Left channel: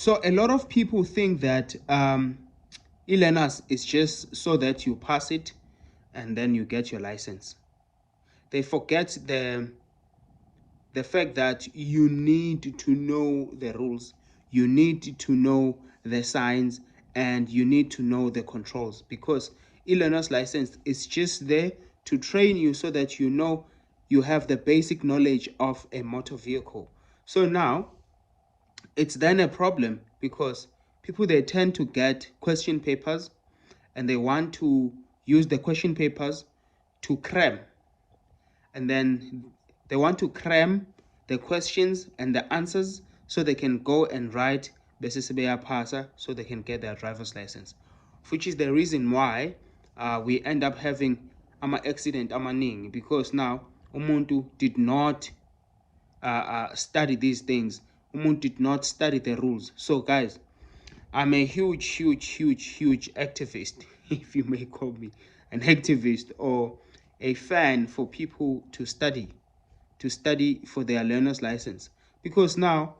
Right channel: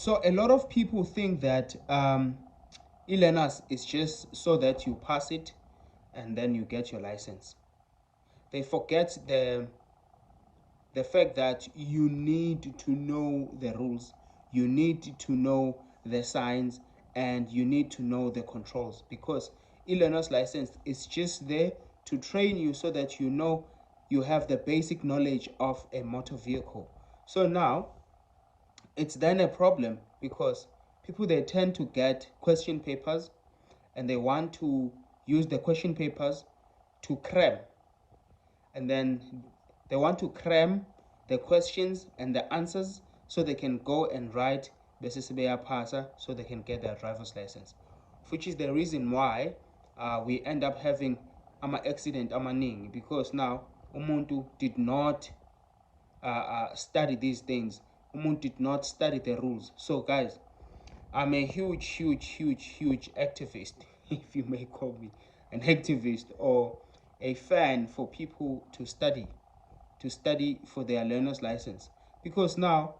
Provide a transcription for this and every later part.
So a lot of people think that e-learners is just so that you pass it and then you get your license. They forget the fact that you need to know the rules, you need to know the signs, and you need to know the controls, because e-learner's license is just there to train you so that you know you have the basic knowledge of a motor vehicle. So now it's then a problem because people, they tend to get question papers and they want to use the question papers to cram, and then they want to cram the questions and the answers so they can go and write the CCBA PASA so they can get their driver's license, which is the reason why we end up having accident amaningi, because now umuntu did not study these things. Umuntu did not study the rules. So guys, I'm a huge activist, if you may call me an activist, or a fan for people to study for their learner's license. Because now,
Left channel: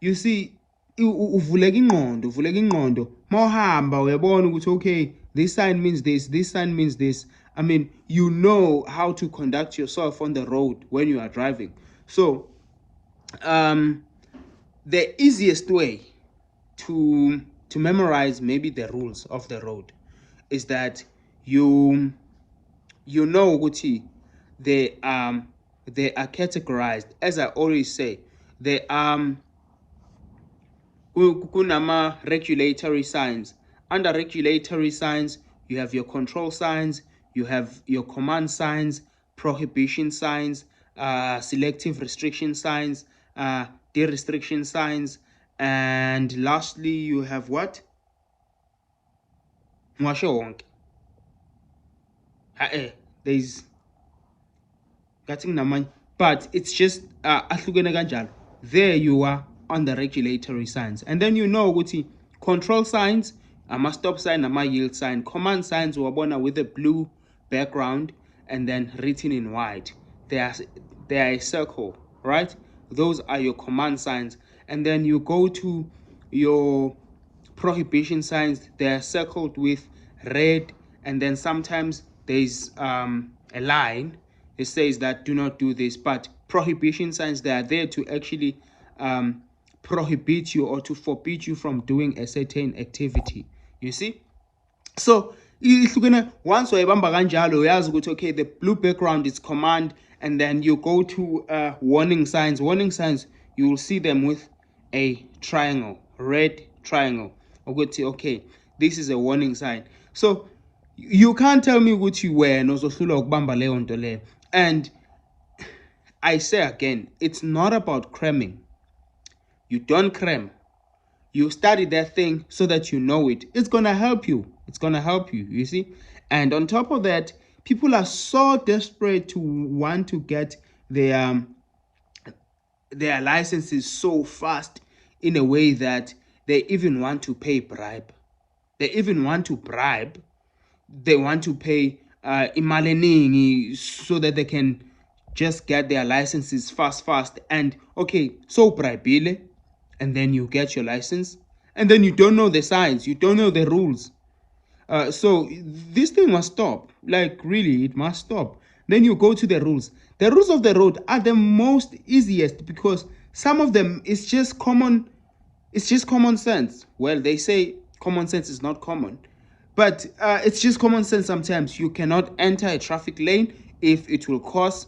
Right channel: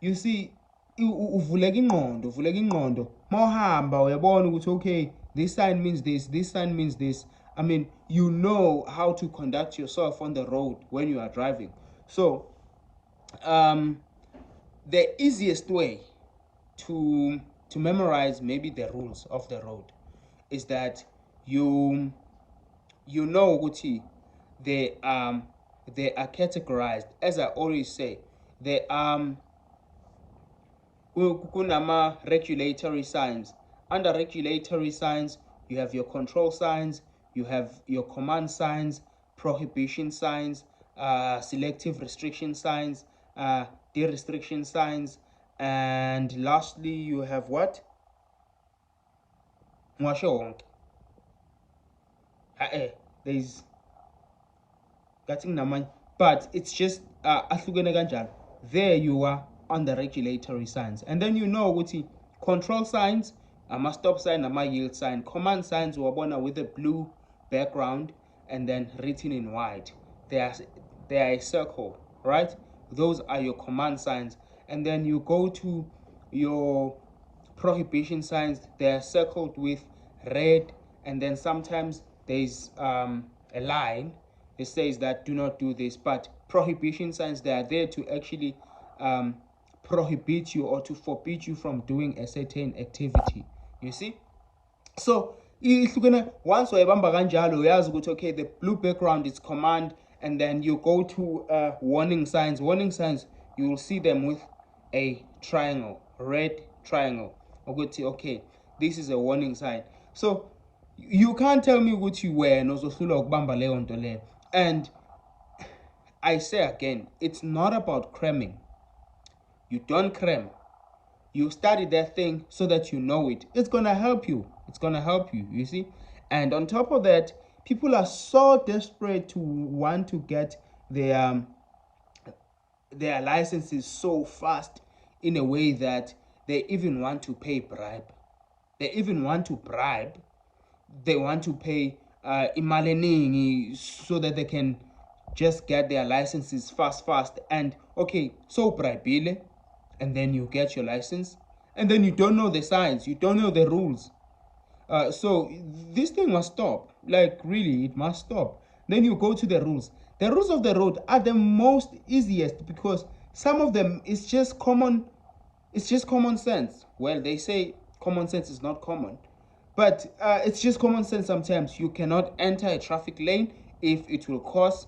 you see, uvuleka ingqondo, mawuhamba uyabona ukuthi okay, this sign means this sign means this. I mean, you know how to conduct yourself on the road when you are driving. So the easiest way to memorize maybe the rules of the road is that you know ukuthi they are categorized. As I always say, they kunama regulatory signs. Under regulatory signs, you have your control signs, you have your command signs, prohibition signs, selective restriction signs, de-restriction signs, and lastly you have what? Mwasho wonke. There's getting namanye, but it's just ahlukene kanjalo. There you are on the regulatory signs, and then you know ukuthi control signs, ama-stop sign, ama-yield sign. Command signs uwabona with a blue background and then written in white. They are a circle, right? Those are your command signs. And then you go to your prohibition signs. They're circled with red, and then sometimes there's a line that says that do not do this. But prohibition signs, they are there to actually prohibit you or to forbid you from doing a certain activity, you see. So once wayibamba kanjalo uyazi ukuthi okay, the blue background is command, and then you go to warning signs. Warning signs, you will see them with a triangle, red triangle. Okay, this is a warning sign. So you can't tell me ukuthi wena uzohlulwa ukubamba leyo nto leyo. And I say again, it's not about cramming. You don't cram. You study that thing so that you know it. It's gonna help you. It's gonna help you, you see. And on top of that, people are so desperate to want to get their licenses so fast, in a way that they even want to pay bribe. They even want to bribe. They want to pay imali eningi so that they can just get their licenses fast. And okay, so bribile, and then you get your license, and then you don't know the signs, you don't know the rules. So this thing must stop. Like really, it must stop. Then you go to the rules. The rules of the road are the most easiest, because some of them is just common. It's just common sense. Well, they say common sense is not common, but it's just common sense. Sometimes you cannot enter a traffic lane if it will cause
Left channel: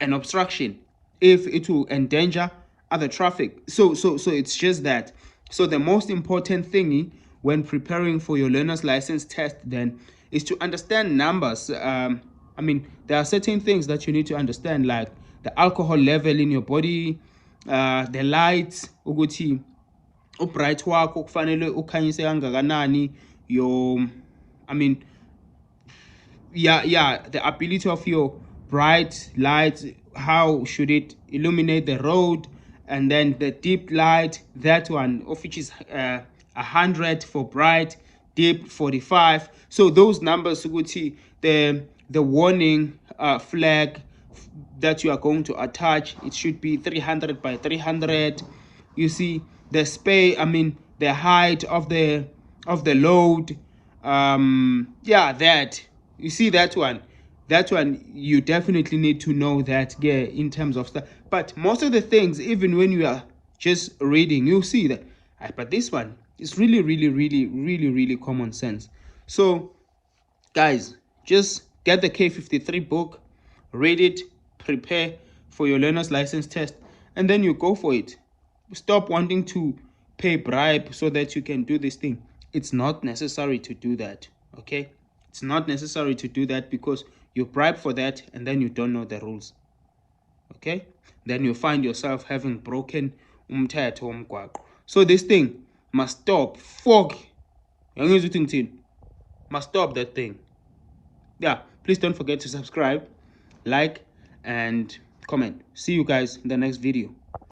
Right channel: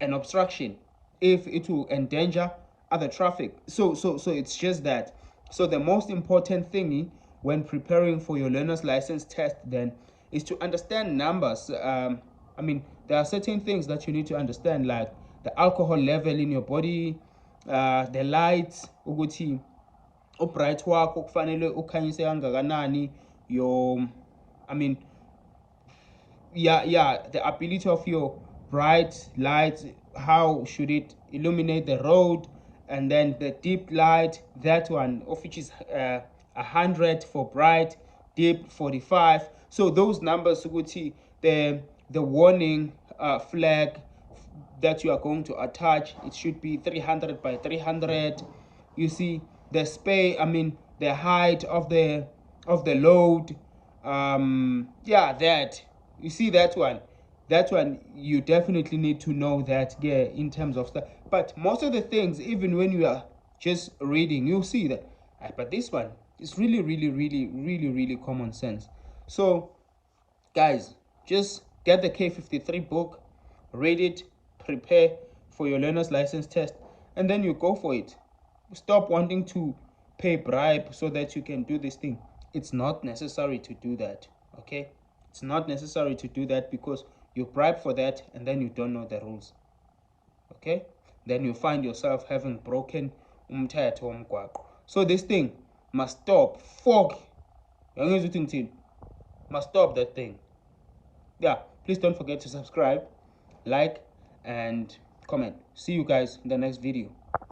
an obstruction, if it will endanger other traffic. So it's just that. So the most important thing when preparing for your learner's license test then is to understand numbers. I mean, there are certain things that you need to understand, like the alcohol level in your body, the lights, ukuthi ubright wakho kufanele ukhanyise kangakanani, your, I mean, the ability of your bright lights, how should it illuminate the road. And then the deep light, that one of which is 100 for bright, deep 45. So those numbers, the warning flag that you are going to attach, it should be 300 by 300, you see. the the height of the load. Yeah, that, you see that one. That one you definitely need to know that, yeah, in terms of stuff. But most of the things, even when you are just reading, you'll see that. But this one is really, really, really, really, really common sense. So guys, just get the K53 book, read it, prepare for your learner's license test, and then you go for it. Stop wanting to pay bribe so that you can do this thing. It's not necessary to do that, okay? It's not necessary to do that, because you bribe for that and then you don't know the rules, okay? Then you find yourself having broken umthetho womgwaqo. So this thing must stop. Fuck. Must stop that thing. Yeah, please don't forget to subscribe, like, and comment. See you guys in the next video.